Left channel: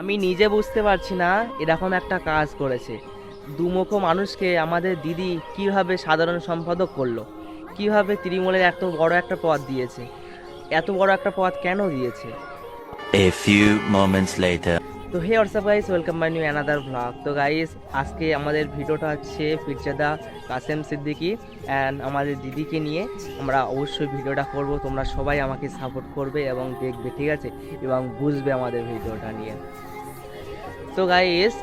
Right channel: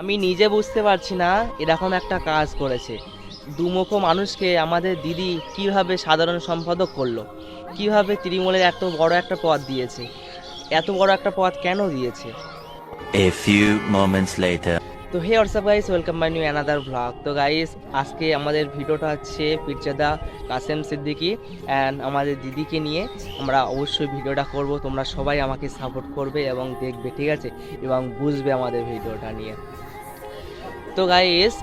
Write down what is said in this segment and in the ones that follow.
আমি নিজে বুঝতে পারছি না এরকম একটা কাজ করেছে। দুমুখ মানুষকে আমাদের দিদি কীভাবে সাধারণ সম্পাদক করল? কীভাবে তৃণমূলের এত বড় একটা পদ দিয়েছে? এত বড় একটা পদ কেন দিয়েছে? A few moments later. তো hey WhatsApp guys welcome by new another blog. তো গাইস আজকে আমাদের ভিডিওটা হচ্ছে পিরজাদা কাসেম সিদ্দিকি অ্যান্ড আমাদের দিদিকে নিয়ে। আমরা অবশ্যই ভিডিওটা করব তোমরা সবাই আমাকে সাপোর্ট করবে এবং দেখবে ঠিক আছে? এবং বুঝবে আমাদের ভিডিওটা নিয়ে। তো গাইস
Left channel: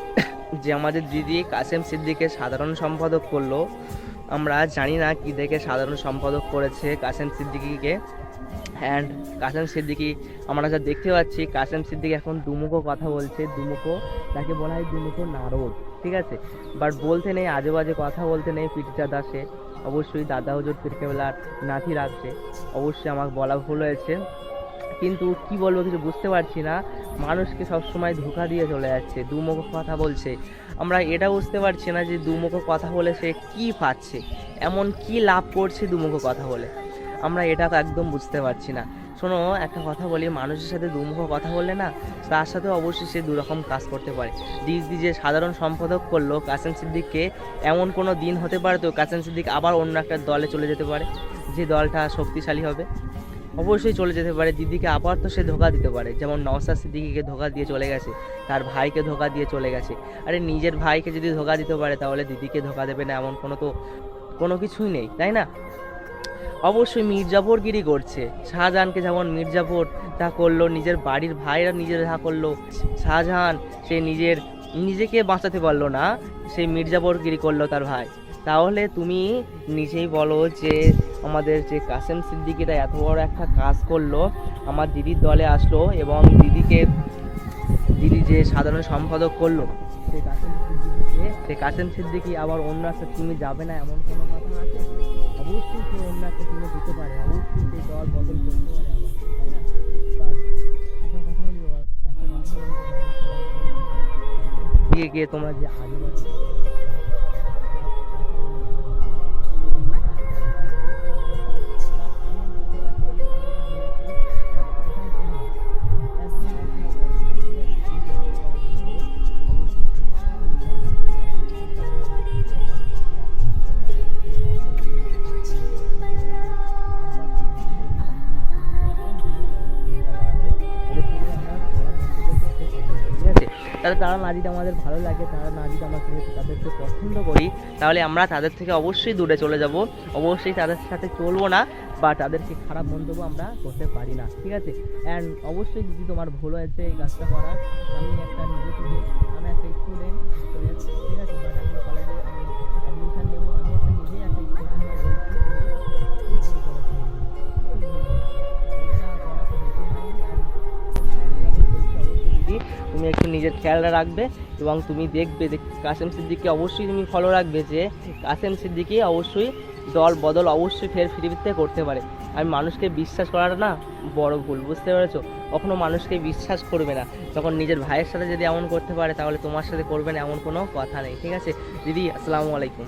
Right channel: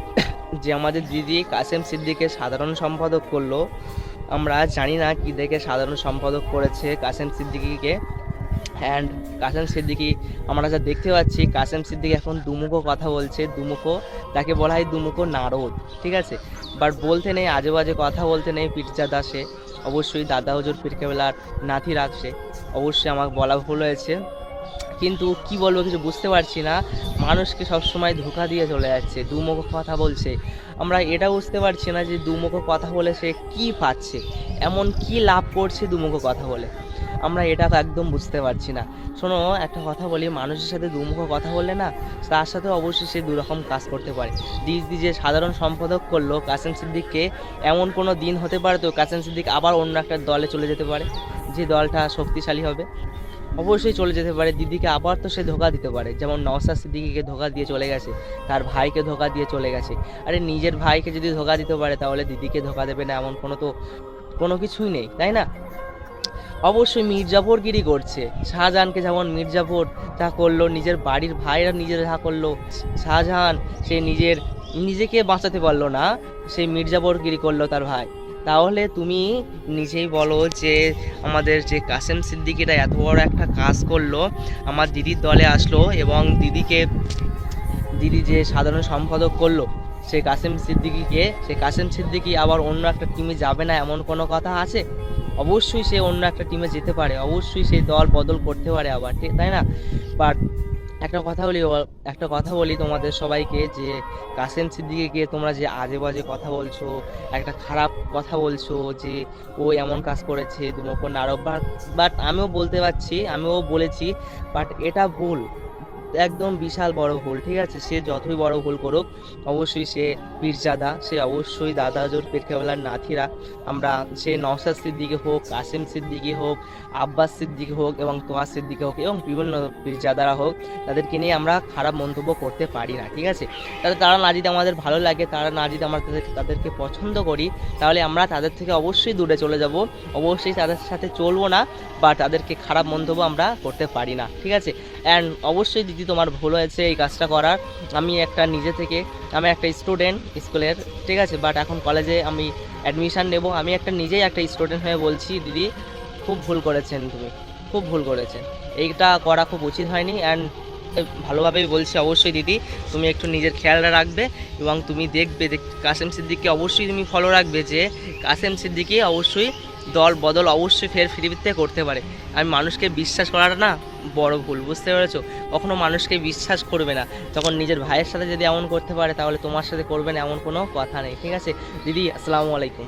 যে আমাদের দিদি কাসেম সিদ্দিকে সাধারণ সম্পাদক করল, আমরা জানি না কি দেখে সাধারণ সম্পাদক করেছে কাসেম সিদ্দিকিকে। অ্যান্ড কাসেম সিদ্দিকি, আমরা যা দেখতে পাচ্ছি, কাসেম সিদ্দিকি এখন দুমুখো কথা বলছে, দুমুখো, তাকে বলা হয় দুমুখো নারদ, ঠিক আছে? বাট বলতে নেই, আজে বাজে কথা বলতে নেই পিঠজা দাসে অবশ্যই দাদা হুজুর ফিরকেবেলার নাথি রাখছে অবশ্যই আমাকে বলা ভুল হয়েছে। কিন্তু কি বলব, কিছু বুঝতে পারছি না। মানুষকে সবসময় ধোকা দিয়ে চলে যাচ্ছে, দুমুখো কথা বলছে। আমরা এটা বুঝতে পারছি না যে দুমুখো কথা বলে সে কী পাচ্ছে, এমন কি লাভ করছে দুমুখো কথা বলে। আমরা এটা একদম বুঝতে পারছি না। শোনো, একটা কথা বলি, মানুষের সাথে দুমুখো কথা বললে না, তার সাথে অবশ্যই সে দুরকম কাজ করতে পারে। দিদি যে সাধারণ সম্পাদক করল, কাসেম সিদ্দিককে, এমন কোনো দিন হতে পারে তো কাসেম সিদ্দিক আবার অন্য একটা দলে চলে যেতে পারে, যে দলটা শক্তিশালী হবে? অবশ্যই চলে যেতে পারে। দিদিকে আবার তো সে ধোকা দিতে পারে। যেমন নওসাদ সিদ্দিকিকে ধোকা দিয়ে চলে গেছে, তার ভাইকে ধোকা দিয়ে চলে গেছে। আরে নিজের ভাইকে যদি ধোকা দিতে পারে, তাহলে দিদিকে ধোকা দেবে না, এমন কোনো তো কোনো কিছুই নেই, তাই না? অবশ্যই মির্জাফরগিরি করছে। শাহজাহানকে যেমন মির্জাফর যা করল, নিজের বাড়ির ভাইরা নিজের যা করল, শাহজাহান সে নিজের, নিজেকে বাঁচাতে পারল না সেই মির্জাফরগিরি করল তার ভাই। তাহলে তুমি নিজেই বলো যে আমাদের যে কাসেম সিদ্দিকিটা এত বড় একটা কাজ করল, আমার দিদির দলে আসলো এবং দিদিকে, দিদি যে সাধারণ সম্পাদক করল সে কাসেম সিদ্দিকিকে, সে কাসেম সিদ্দিকি আবার অন্য একটা টিমে যাবে না এমন কোনো কথা আছে? অবশ্যই সে অন্য একটা টিমে যেতে পারে, অবশ্যই সেই দল বদল করতে পারে আবার, ঠিক, তাই না? বাট একটা কথা বলি একটা কথা বলি তোমাদের সবাইকে যে কাসেম সিদ্দিকে গিয়ে তোমরা যে আজে বাজে কথা বলছো, একটা খারাপ কথা বলছো যে ও এমন কাজ করেছে তোমাকে নারক বাট আমিও বলতে পারছি, আমিও বলেছি বাট এটা ভুল। একদম বিশাল বড় ভুল ঠিক আছে? সে যতই বড় ভুল করুক, অবশ্যই সে পীরজাদা সে অবশ্যই দাদা জোর নাথিরা আমরা সে নওসাদ সিদ্দিকি হোক, কাসিম সিদ্দিকি হোক, আব্বাস সিদ্দিকি হোক এবং তোয়া সিদ্দিকি হোক এবং বিভিন্ন পীরজাদারা হোক, তাদেরকে নিয়ে আমরা খারাপ মন্তব্য করতে পারি না, ঠিক আছে? তাহলে তারা না যদি আমাদের ভালো লাগে, তারা না যদি আমরা তাদেরকে তাদেরকে পছন্দ করি, তাহলে আমরা তাদের থেকে অবশ্যই দূরে চলে যাব। অবশ্যই তাদের সাথে চলবো না বা তাদেরকে খারাপ মন্তব্য আমরা করতে পারি না, ঠিক আছে? অ্যান্ড অবশ্যই দিদি তোমার ভুল হয়েছে, এই কাজটা করার। আমি একটা নিজে থেকে, আমি একটা স্টুডেন্ট স্কুলের, ঠিক আছে? বাট এখন কলেজে আমি অ্যাডমিশান নেব। আমি একটা নিজেই একটা স্টুডেন্ট হয়ে বলছি, দিদি, খুব ভুল করেছেন তুমি। খুব ভুল করেছেন। এইটা করা খুব উচিত হয়নি অ্যান্ড ভালোভাবেই বলছি অবশ্যই দিদি, তুমি একটু নিজের খেয়ালটা রাখবে এবং তুমি দেখবে কাসেম সিদ্দিককে অবশ্যই তুমি ফলো রাখবে যে কাসেম সিদ্দিকি অবশ্যই দল বদল অবশ্যই ফের পৃথিবীতে করতে পারে। আর মানুষকে বিশ্বাস করাটা না বড় ভুল, বুঝতে পেরেছ? কখনো মানুষকে বিশ্বাস করবে না। তখন নিজের ভাইয়ের সাথে যদি এমন করতে পারে, তাহলে তোমার সাথে করবে না এমন কোনো কথা নেই, ঠিক আছে? দিদি, আসসালামু আলাইকুম।